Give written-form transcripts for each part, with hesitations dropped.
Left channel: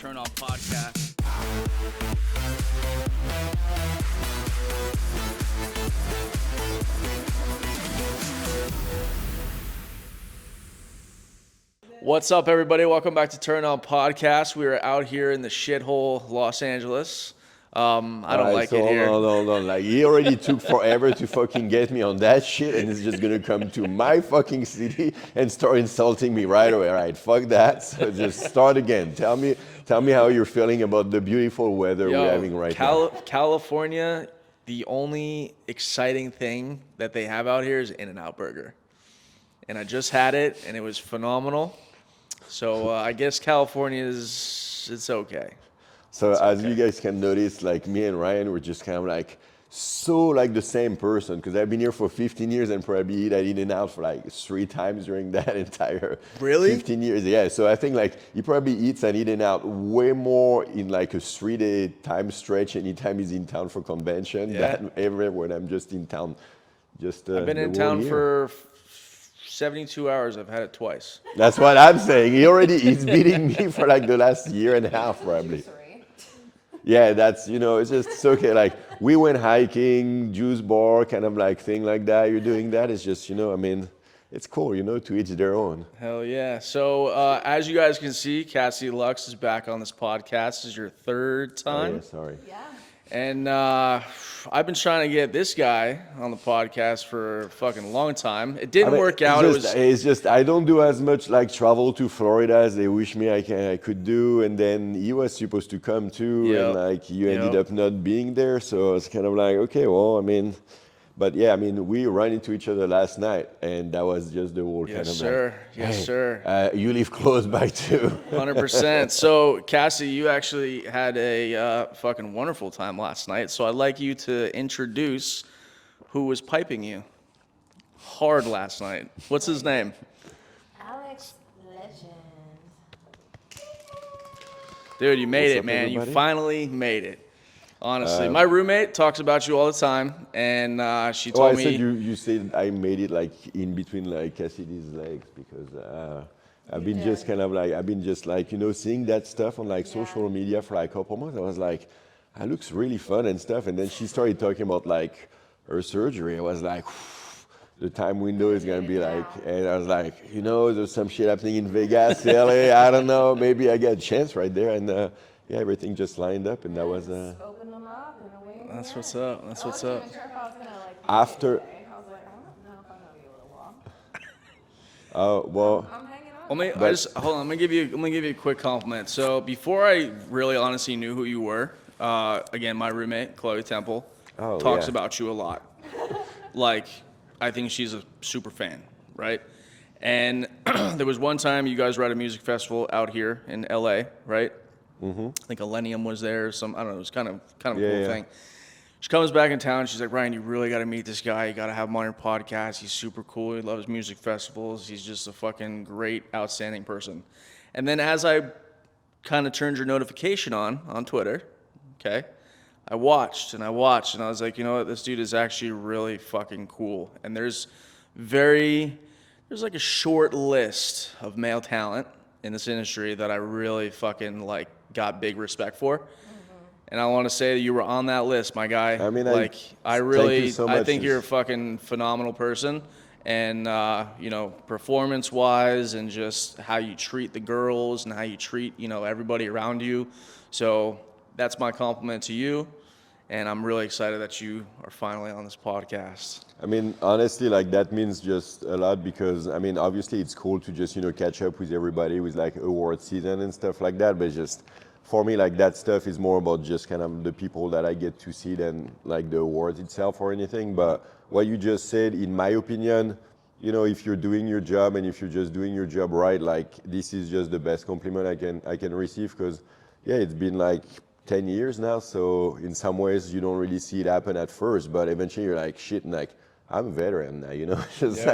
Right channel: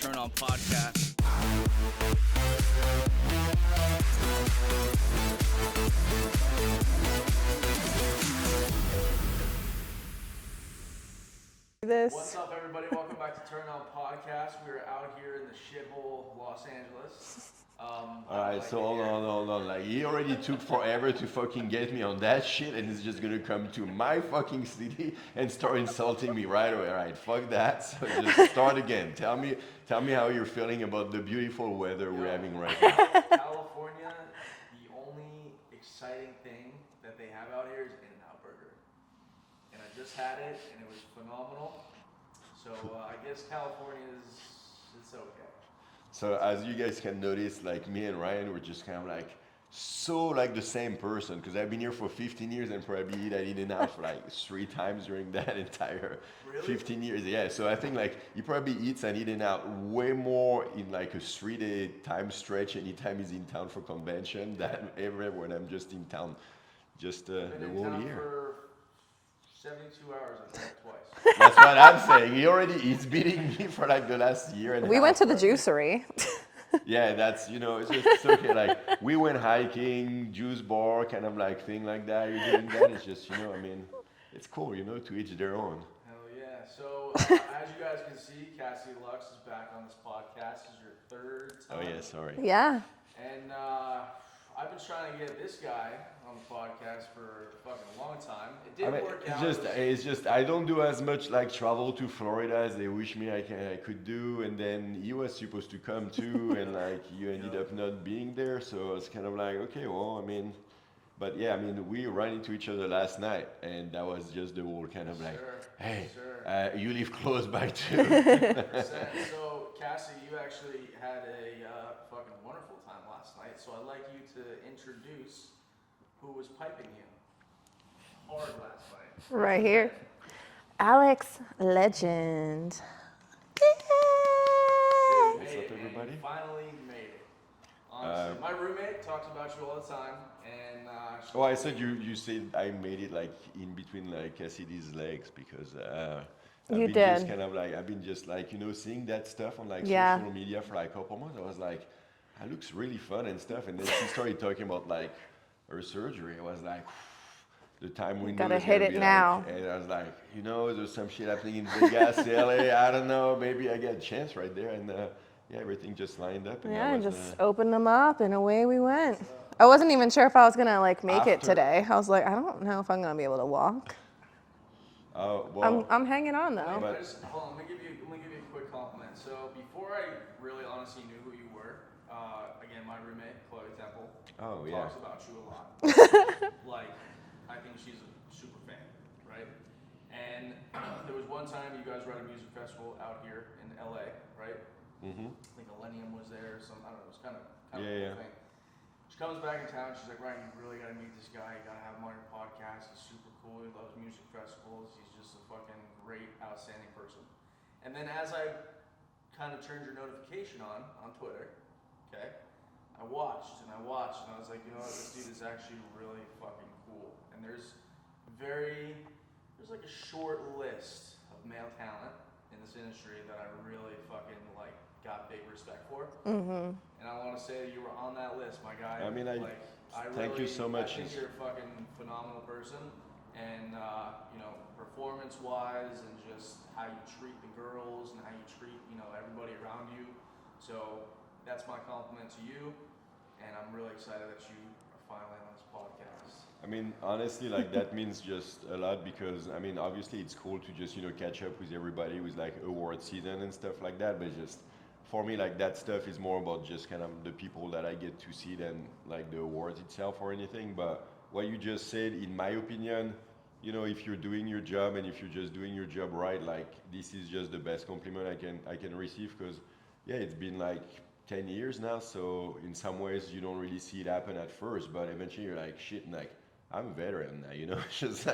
Turn On Podcast. What's up, everybody? Welcome back to Turn On Podcast. We are out here in the shithole Los Angeles. I don't like it here. Hold on. Like, he already took forever to fucking get me on that shit, and he's just gonna come to my fucking city and start insulting me right away. All right, fuck that. So just start again. Tell me how you're feeling about the beautiful weather we're having right now. California, the only exciting thing that they have out here is In-N-Out Burger. And I just had it, and it was phenomenal. So I guess California it's okay. So as you guys can notice, like me and Ryan, we're just kind of like so like the same person, because I've been here for 15 years and probably eat at In-N-Out for like 3 times during that entire 15 years. Yeah, so I think like he probably eats at In-N-Out way more in like a 3-day time stretch anytime he's in town for convention than ever when I'm just in town. I've been in town for 72 hours. I've had it twice. That's what I'm saying. He's beating me for like the last year and a half. We went to the probably. Juicery. Yeah, that's, it's okay. Like, we went hiking, juice bar, kind of like thing like that. You're doing that. It's just, it's cool, to each their own. Hell yeah. So, as you guys can see, Cassie Lux is back on this podcast. This is your 3rd time. Oh, yeah, sorry. Yeah. And I've been trying to get this guy on the podcast for a fucking long time. It didn't work out. It's just I don't do as much like travel to Florida as they wish me I could do. And then he was supposed to come too, and like you ended up not being there. So it's kind of like, okay, well, we ran into each other last night, and that was just the whole kind of sir. Like, yes, sir. You live close by too. 100%. So, Cassie, you actually had a fucking wonderful time last night. So I'd like you to introduce who was piping you hard last night. What's his name? Alex Legend. Dude, you made it, man. Everybody? You finally made it. Honestly, my roommate talks about you all the time, and she told me. You said I made it like in between like Cassidy's legs, because I've been just seeing that stuff on like social media for like a couple months. I was like, that looks really fun and stuff. And then she started talking about like her surgery. I was like, the time window is gonna be like, and I was like, there's some shit happening in Vegas, LA. I don't know, maybe I got a chance right there, and. Everything just lined up, and that was just opened them up, and away we went. What's up. I wasn't even sure if I was gonna make it today. I was like, I don't know if I'm gonna be able to walk. Oh well, I'm hanging on. Hold on. I'm gonna give you a quick compliment. So before I really honestly knew who you were, again, my roommate Chloe Temple talks about you a lot. Like, I think she's a super fan, right? And there was one time you guys were at a music festival out here in LA, right? Mm-hmm. I think Millennium was there. I don't know. It was kind of a cool thing. She comes back in town. She's like, Ryan, you really got to meet this guy. You got to have him on your podcast. He's super cool. He loves music festivals. He's just a fucking great, outstanding person. And then as I kind of turned your notification on Twitter, okay, I watched, and I was like, you know what? This dude is actually really fucking cool. And there's like a short list of male talent in this industry that I really fucking got big respect for. Mm-hmm. And I want to say that you were on that list, my guy. I think you're a fucking phenomenal person. And, performance-wise, and just how you treat the girls and how you treat, everybody around you. So that's my compliment to you. And I'm really excited that you are finally on this podcast. Honestly, that means just a lot, because, obviously it's cool to just, catch up with everybody with award season and stuff like that. But just for me, that stuff is more about just kind of the people that I get to see than the awards itself or anything. But what you just said, in my opinion, if you're doing your job, and if you're just doing your job right, this is just the best compliment I can receive, because it's been 10 years now, so in some ways you don't really see it happen at first, but eventually you're like, shit, and I'm a veteran now, just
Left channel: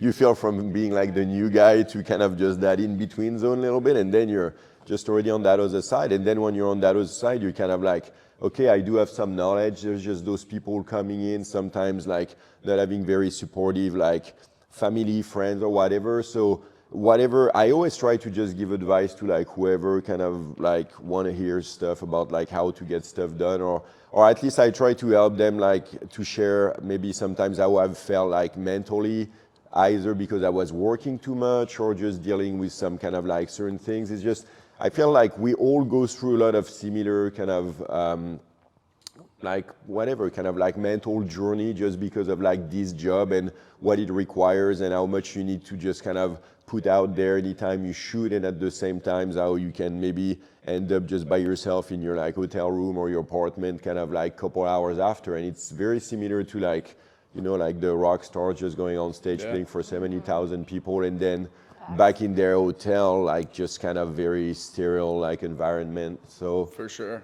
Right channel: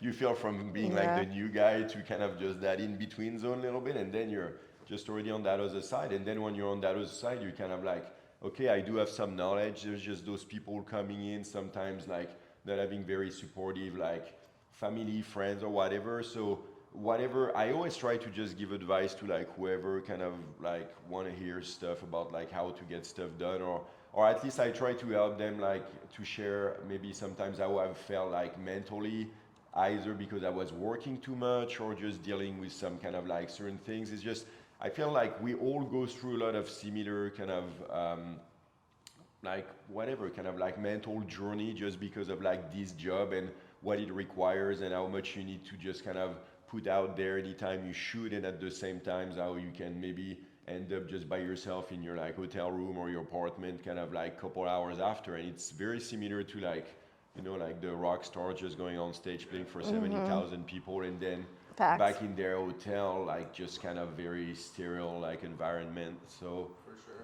you feel from being the new guy to kind of just that in-between zone a little bit, and then you're just already on that other side. And then when you're on that other side, you're kind of okay, I do have some knowledge. There's just those people coming in sometimes that having very supportive, family, friends or whatever. So whatever, I always try to just give advice to like whoever kind of like want to hear stuff about like how to get stuff done, or at least I try to help them like to share maybe sometimes how I've felt like mentally, either because I was working too much or just dealing with some kind of like certain things. It's just, I feel like we all go through a lot of similar kind of like whatever kind of like mental journey just because of like this job and what it requires and how much you need to just kind of put out there anytime you shoot, and at the same time how you can maybe end up just by yourself in your like hotel room or your apartment kind of like couple hours after. And it's very similar to like, you know, like the rock stars just going on stage playing for 70,000 people and then back in their hotel, like just kind of very sterile like environment. So For sure.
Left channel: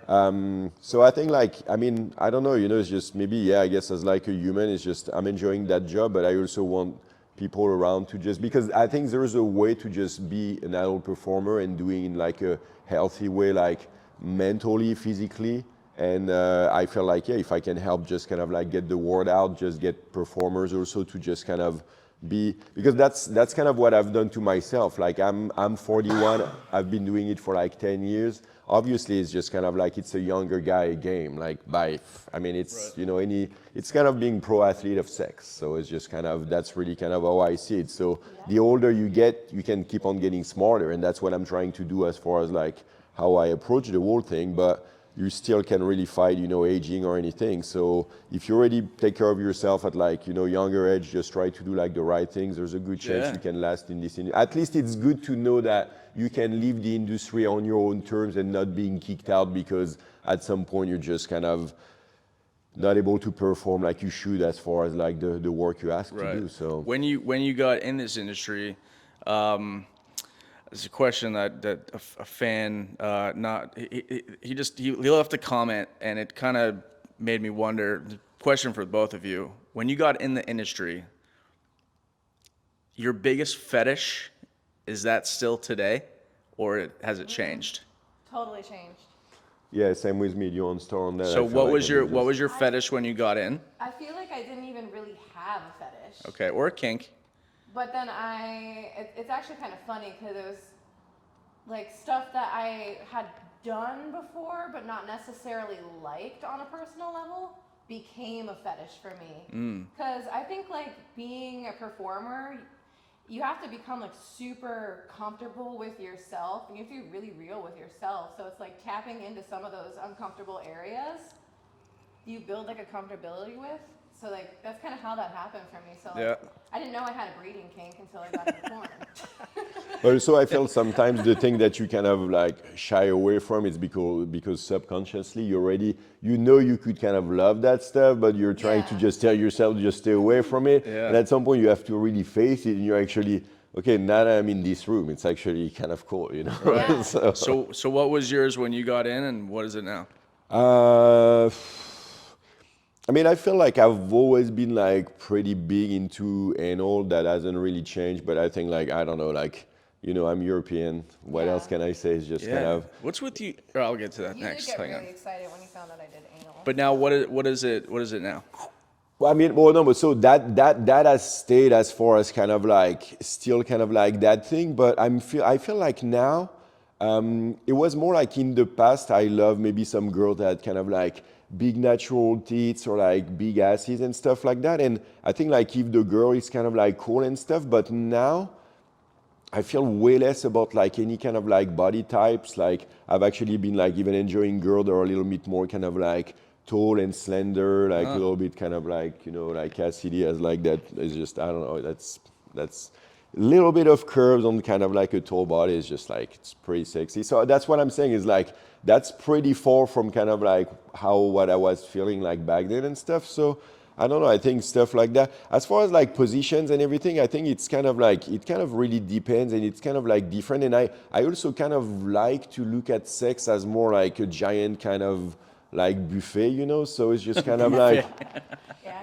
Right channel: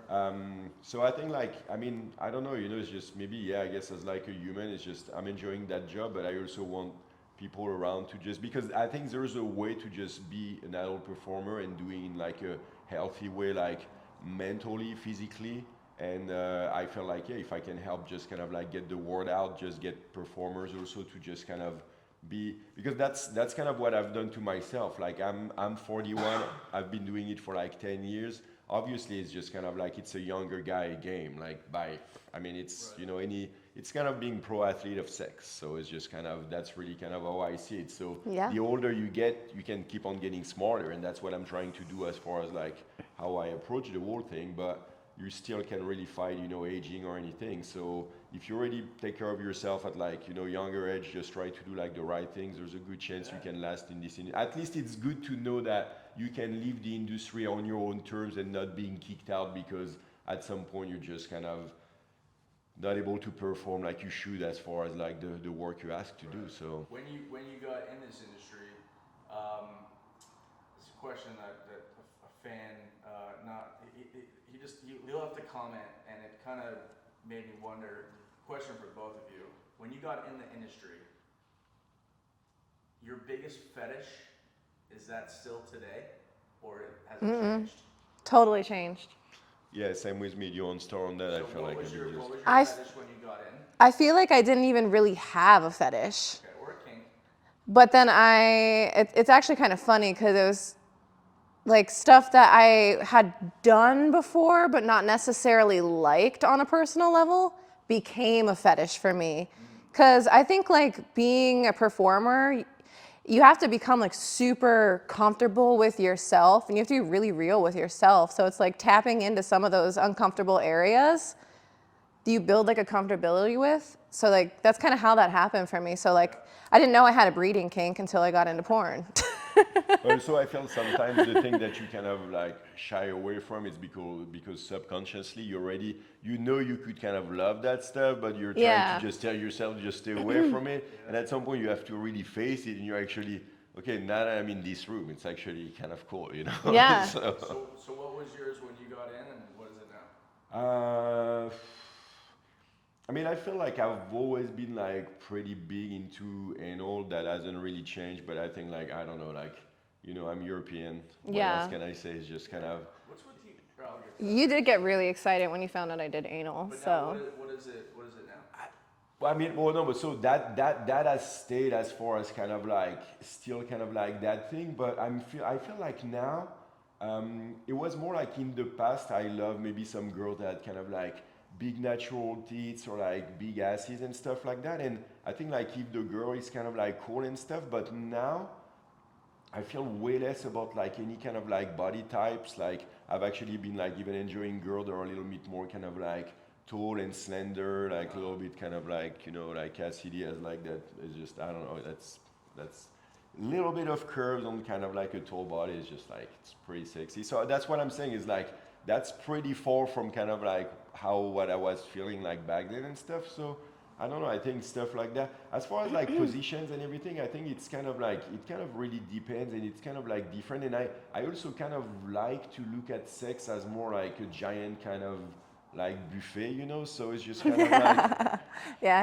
so I think like, I mean, I don't know, you know, it's just maybe, yeah, I guess as like a human, it's just, I'm enjoying that job, but I also want people around to just, because I think there's a way to just be an adult performer and doing in like a healthy way, like mentally, physically. And I feel like, yeah, if I can help just kind of like get the word out, just get performers also to just kind of be, because that's kind of what I've done to myself. Like I'm 41, I've been doing it for like 10 years. Obviously, it's just kind of like it's a younger guy game. Like I mean, it's you know it's kind of being pro athlete of sex. So it's just kind of that's really kind of how I see it. So the older you get, you can keep on getting smarter, and that's what I'm trying to do as far as like how I approach the whole thing. But you still can really fight, you know, aging or anything. So if you already take care of yourself at like, you know, younger age, just try to do like the right things. There's a good chance you can last in this industry. At least it's good to know that you can leave the industry on your own terms and not being kicked out because at some point you're just kind of not able to perform like you should as far as like the work you ask to do. So when you got in this industry, it's a question that a fan he left a comment and it kind of made me wonder. Question for both of you: when you got in the industry, your biggest fetish, is that still today, or has it changed? Totally changed. yeah, same with me. You on star on that. So what was your fetish when you got in? I feel like I didn't even really have a fetish. Okay, or a kink. But then it's actually kind of funny because it was like stuff that I had done before, but not necessarily liked on a personal level, became a fetish for me. Because I think like being a performer, you have to become like super comfortable with yourself and you have to be really real with yourself. So it's like tapping into some of those uncomfortable areas you build like a comfortability with. So like that's kind of how that happened for me. So like I didn't know I had a breeding kink until I got into porn. Also, I feel sometimes the thing that you kind of like shy away from is because subconsciously you know you could kind of love that stuff, but you're trying to just tell yourself to just stay away from it. And at some point you have to really face it, and you're actually, okay, now that I'm in this room, it's actually kind of cool, you know? Yeah. So what was yours when you got in, and what is it now? I mean, I feel like I've always been like pretty big into anal. That hasn't really changed, but I think like, I don't know, like, you know, I'm European. What else can I say? It's just kind of. What's with you? Or I'll get to that. You next did get thing. really excited when you found out I did anal. But now what is it? What is it now? Well, I mean, well, no, but so that has stayed as far as kind of like still kind of like that thing. But I feel like now, it was more like in the past. I love maybe some girl that had kind of like big natural tits or like big asses and stuff like that. And I think like if the girl is kind of like cool and stuff, but now I feel way less about like any kind of like body types. Like I've actually been like even enjoying girls that are a little bit more kind of like tall and slender, like a little bit kind of like, you know, like Cassidy has like that. It's just, I don't know, that's a little bit of curves on kind of like a tall body is just like, it's pretty sexy. So that's what I'm saying is like, that's pretty far from kind of like what I was feeling like back then and stuff. So I don't know, I think stuff like that. As far as like positions and everything, I think it's kind of like, it kind of really depends and it's kind of like different. And I also kind of like to look at sex as more like a giant kind of like buffet, you know? So it's just kind of like,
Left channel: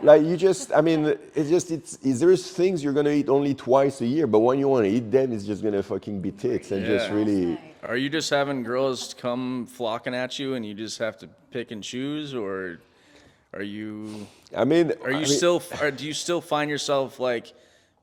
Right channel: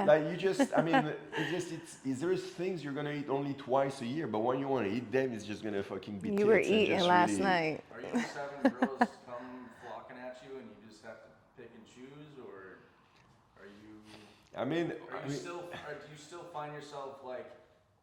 like you just, I mean, there's things you're gonna eat only twice a year, but when you wanna eat them, it's just gonna fucking be You were tits and eating just last really. night. Are you just having girls come flocking at you, and you just have to pick and choose, or are you? Do you still find yourself like,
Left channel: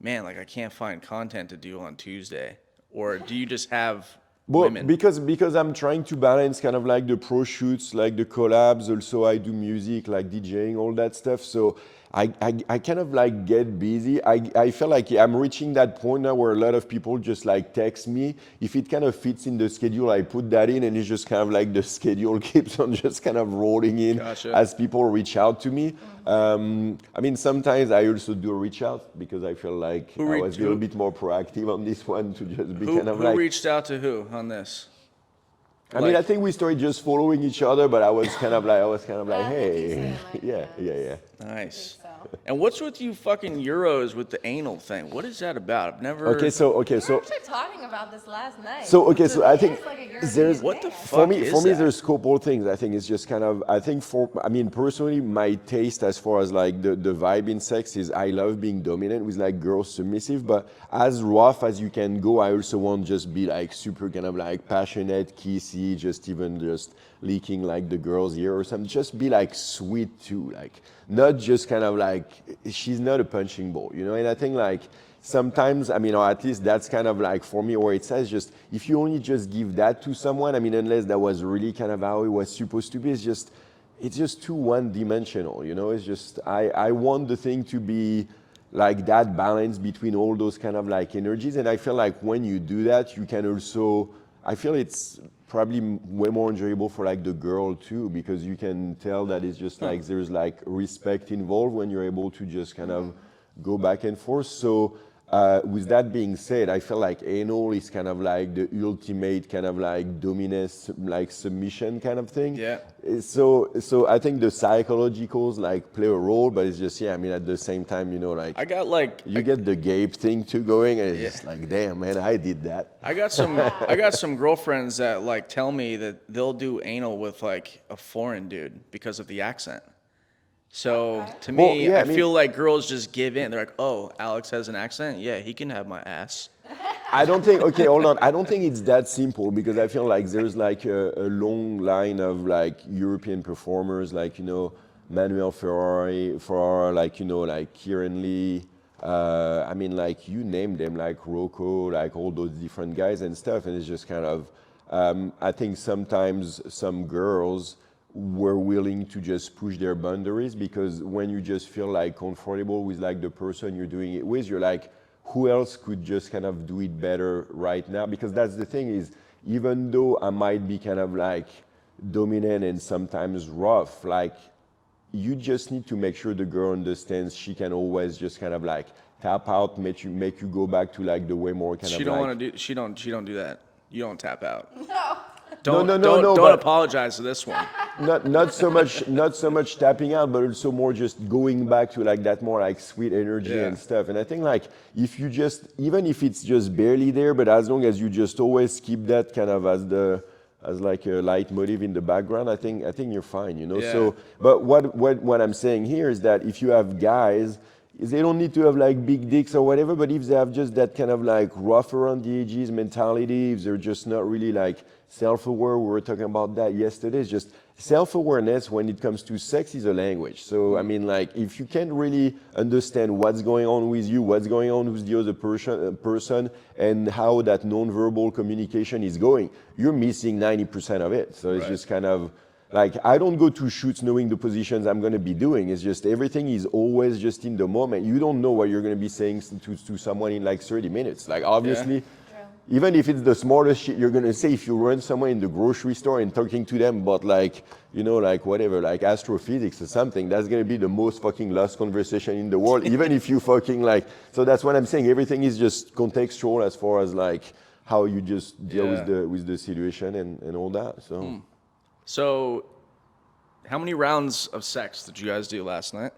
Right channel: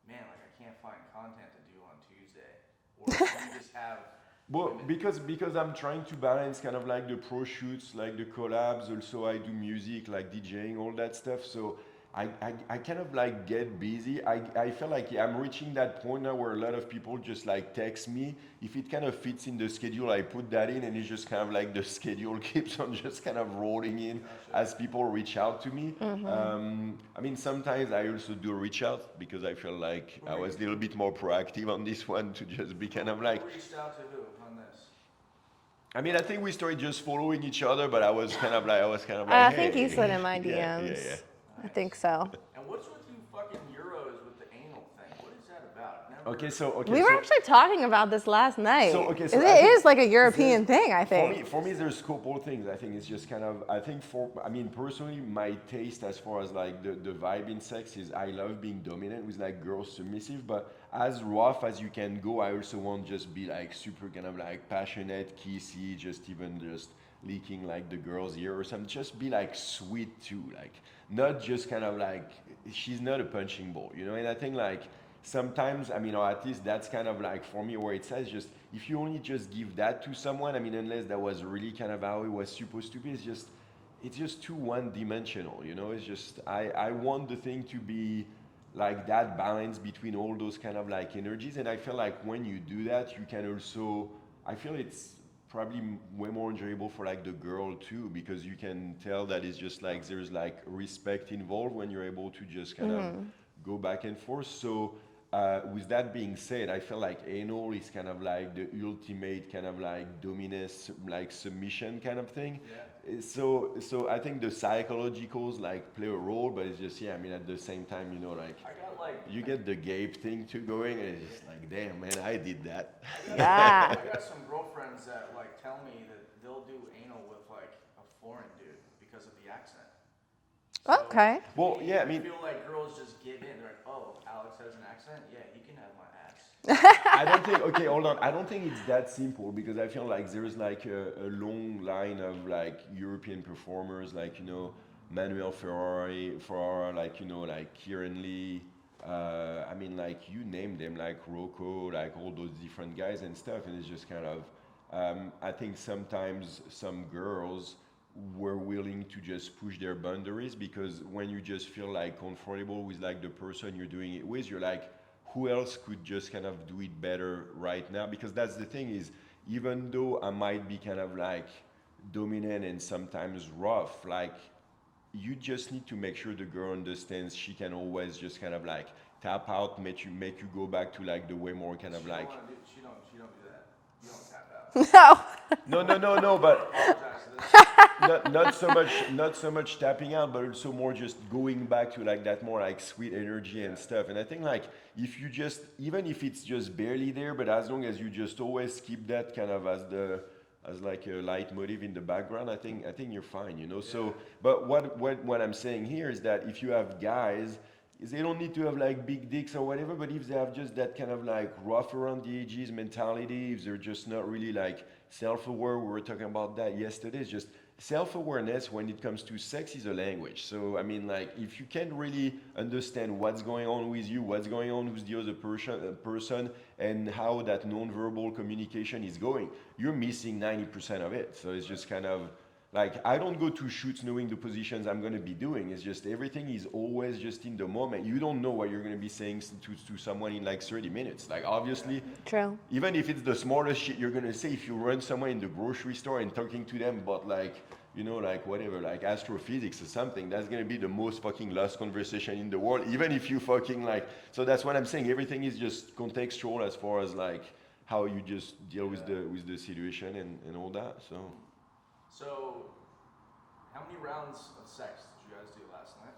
man, like I can't find content to do on Tuesday? or do you just have Well, women? because I'm trying to balance kind of like the pro shoots, like the collabs. Also, I do music, like DJing, all that stuff. So I kind of like get busy. I feel like I'm reaching that point now where a lot of people just like text me. If it kind of fits in the schedule, I put that in, and it's just kind of like the schedule keeps on just kind of rolling in Gotcha. as people reach out to me. I mean, sometimes I also do reach out because I feel like I was a little bit more proactive on this one to just be kind of Who like. reached out to who on this? I mean, I think we started just following each other, but I was kind of like, I hey. think he slid in my DMs. Yeah. Nice. I think so. And what's with you fucking Euros with the anal thing? What is that about? I've never. We were actually talking about this last night. So it I think is like a European What the thing, I fuck? think. For me, that? there's a couple of things. I think it's just kind of. I think personally, my taste as far as like the vibe in sex is I love being dominant with like girls submissive, but as rough as you can go, I also want just be like super kind of like passionate, kissy, just even just leaking like the girl's ear or something. Just be like sweet too, like not just kind of like she's not a punching ball, you know. And I think like sometimes, I mean, or at least that's kind of like for me where it says just if you only just give that to someone, I mean, unless that was really kind of how it was supposed to be, it's just too one-dimensional, you know. It's just I want the thing to be like that balance between all those kind of like energies, and I feel like when you do that, you can also. I feel it's probably way more enjoyable for like the girl too, because you can tell that it's just like there's like respect involved when you're able to just kind of go back and forth. So with that being said, I feel like anal is kind of like the ultimate kind of like dominance, like submission kind of thing. Yeah. So I think the psychologicals like play a role, but it's just, I mean, at the same time, you know, like I got like you get the gape thing too going, and it's just like, damn, man, I did that. I got some girlfriends that like tell me that they'll do anal with like a foreign dude because of the accent. So Okay. to me, I mean, feel like girls just give in. They're like, "Oh, Alex has an accent. Yeah, he can have my ass." I don't think. Okay, hold on. I don't think it's that simple because I feel like there's like a long line of like European performers, like Manuel Ferrara, like like Kieran Lee. I mean, like you name them, like Rocco, like all those different guys and stuff, and it's just kind of. I think sometimes some girls were willing to just push their boundaries because when you just feel like comfortable with like the person you're doing it with, you're like, who else could just kind of do it better right now? Because that's the thing is, even though I might be kind of like dominant and sometimes rough, like you just need to make sure the girl understands she can always just kind of like tap out, make you go back to like the way more kind She of don't like. want to do. She don't do that. You don't tap out. No. Don't but- apologize to this one. not so much tapping out, but also more just going back to like that more like sweet energy and stuff. And I think like if you just, even if it's just barely there, but as long as you just always keep that kind of as like a leitmotif in the background, I think you're fine, you know. Yeah. So, but what I'm saying here is that if you have guys, they don't need to have like big dicks or whatever, but if they have just that kind of like rough around the edges mentality, if they're just not really like self-aware, we were talking about that yesterday, it's just self-awareness when it comes to sex is a language. So I mean, like if you can't really understand what's going on with you, what's going on with the other person and how that non-verbal communication is going, you're missing 90% of it. So it's just kind of like, I don't go to shoots knowing the positions I'm going to be doing. It's just everything is always just in the moment. You don't know what you're going to be saying to someone in like 30 minutes. Like, obviously, True. even if it's the smartest shit you're going to say, if you run somewhere in the grocery store and talking to them about like, like whatever, like astrophysics or something, that's going to be the most fucking lost conversation in the world, even if you fucking like, so that's what I'm saying. Everything is just contextual as far as like how you just deal with the situation and all that. So. So, how many rounds of sex did you guys do last night?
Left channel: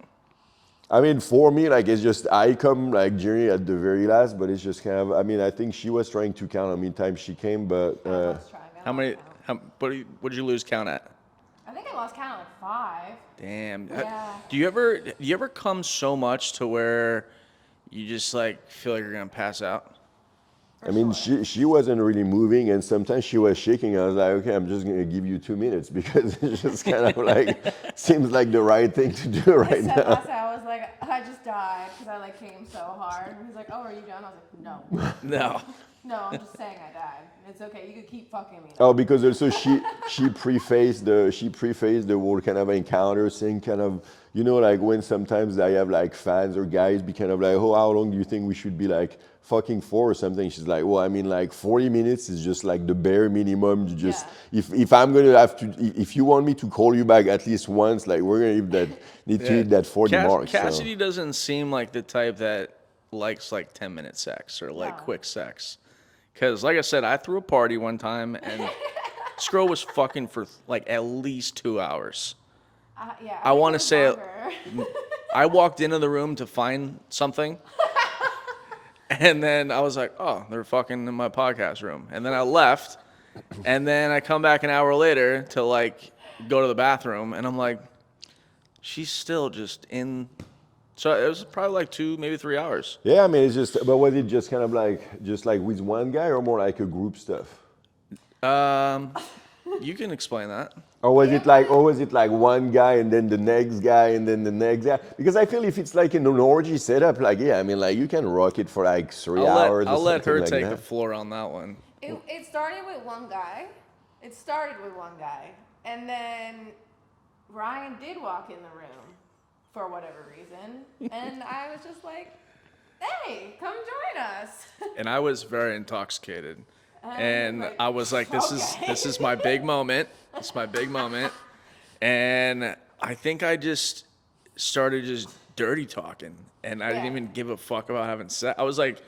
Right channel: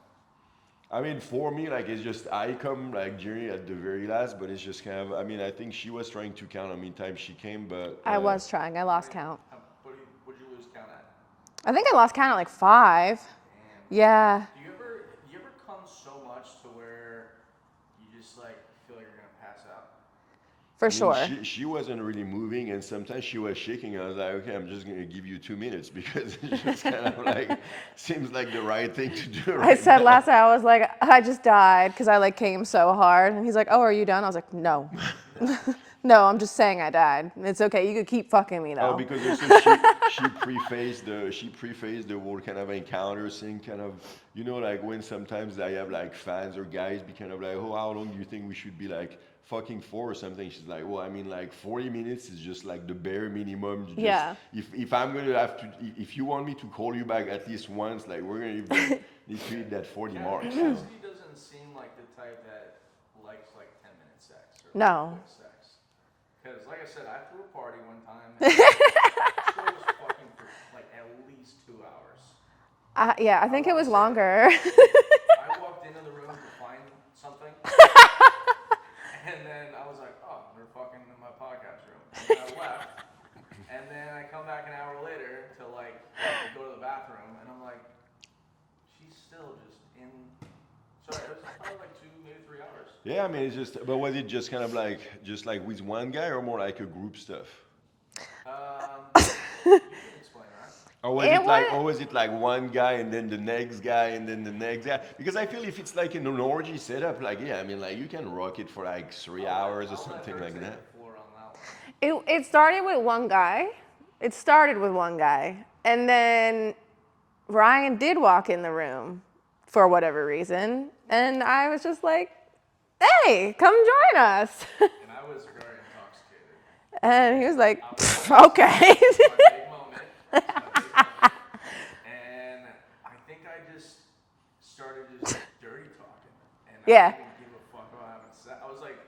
I mean, for me, like, it's just, I come, like, Jerry at the very last, but it's just kind of, I mean, I think she was trying to count how many times she came, but... I was trying. I lost count. What did you lose count at? I think I lost count at like 5. Damn. Yeah. Do you ever come so much to where you just, like, feel like you're going to pass out? For sure. She wasn't really moving, and sometimes she was shaking. I was like, okay, I'm just going to give you 2 minutes because it's just kind of like, seems like the right thing to do right I said now. last night, I was like, I just died because I like came so hard. And he's like, oh, are you done? I was like, no. No. No, I'm just saying I died. It's okay. You could keep fucking me though. Oh, because also she prefaced the whole kind of encounter thing, kind of, you know, like when sometimes I have like fans or guys be kind of like, oh, how long do you think we should be like fucking for or something? She's like, well, I mean, like 40 minutes is just like the bare minimum. You just if I'm gonna have to, if you want me to call you back at least once, like we're gonna need to hit that 40 mark. Cassidy doesn't seem like the type that likes like 10-minute sex or like quick sex. Because, like I said, I threw a party one time, and this girl was fucking for, like, at least 2 hours. I think it was longer. I walked into the room to find something, and then I was like, oh, they're fucking in my podcast room. And then I left, and then I come back an hour later to, like, go to the bathroom, and I'm like, she's still just in... So it was probably like 2, maybe 3 hours. Yeah, I mean, it's just, but was it just kind of like, just like with one guy or more like a group stuff? You can explain that. Or was it like one guy and then the next guy and then the next guy? Because I feel if it's like an orgy setup, like, yeah, I mean, like you can rock it for like 3 hours. I'll let her like take that. the floor on that one. It started with one guy. And then Ryan did walk in the room for whatever reason. And I was just like, hey, come join us. And I was very intoxicated. And he was like, I was like, okay. This is my big moment. It's my big moment. And I think I just started just dirty talking. And I didn't even give a fuck about having sex. I was like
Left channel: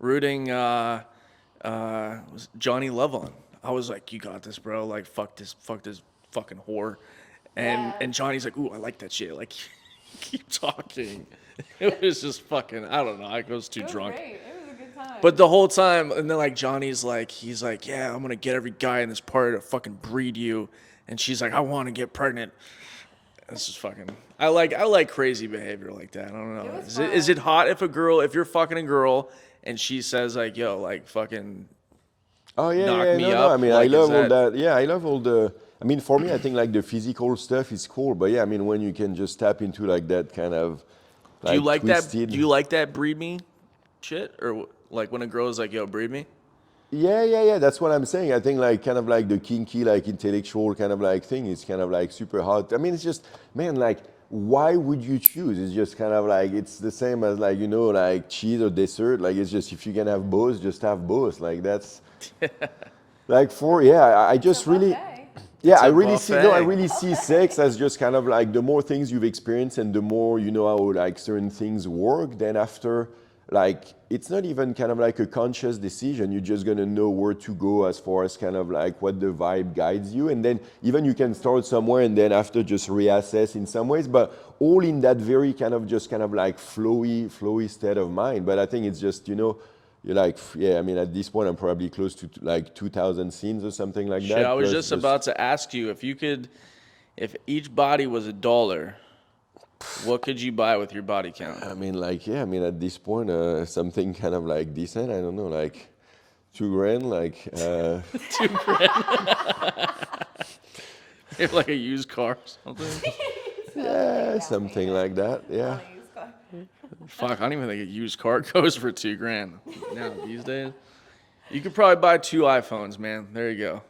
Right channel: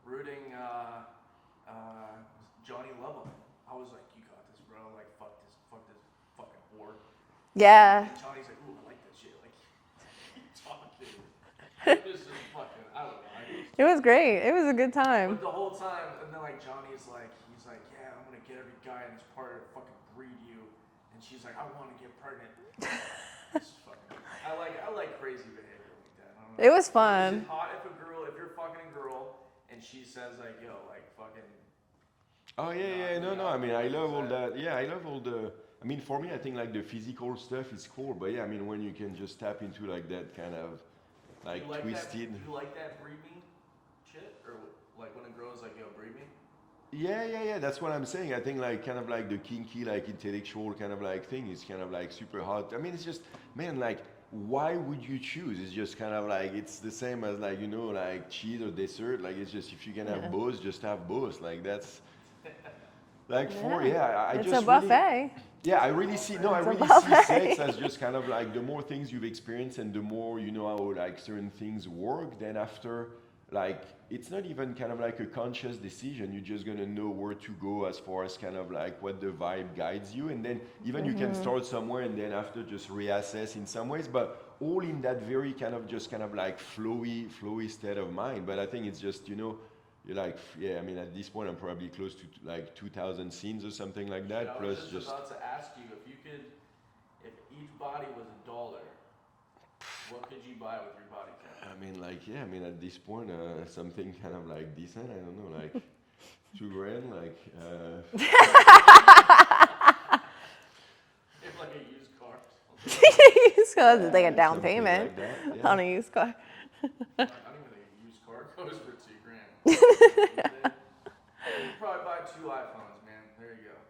rooting Johnny Love on. I was like, you got this, bro. Like, fuck this fucking whore. And Johnny's like, ooh, I like that shit. Like, keep talking. It was just fucking, I don't know. I was too drunk. It was great. It was a good time. But the whole time, and then like Johnny's like, he's like, yeah, I'm gonna get every guy in this party to fucking breed you. And she's like, I want to get pregnant. This is fucking. I like crazy behavior like that. I don't know. It was fun. Is it hot if you're fucking a girl and she says like, yo, like fucking. Oh yeah, knock yeah, me no, up? I mean, Like, I love all that. Yeah, I love all the. I mean, for me, I think like the physical stuff is cool, but yeah, I mean, when you can just tap into like that kind of. Do you like twisted... that? Do you like that breed me shit, or like when a girl is like, yo, breed me? Yeah. That's what I'm saying. I think like kind of like the kinky, like intellectual kind of like thing is kind of like super hot. I mean, it's just, man, like, why would you choose? It's just kind of like, it's the same as like, you know, like cheese or dessert. Like, it's just, if you can have both, just have both. Like, that's, like I just really, yeah, I really see sex as just kind of like the more things you've experienced and the more you know how like certain things work, then after, like, it's not even kind of like a conscious decision. You're just going to know where to go as far as kind of like what the vibe guides you. And then even you can start somewhere and then after just reassess in some ways, but all in that very kind of just kind of like flowy state of mind. But I think it's just, you know, you're like, yeah, I mean, at this point, I'm probably close to like 2,000 scenes or something like that. I was just about to ask you if if each body was $1, what could you buy with your body count? I mean, like, yeah, I mean, at this point, something kind of like decent. I don't know, like $2,000, like. Like a used car or something? Like a down something payment like that, yeah. on a used car. Fuck, I don't even think a used car goes for $2,000 these days. You could probably buy 2 iPhones, man. There you go.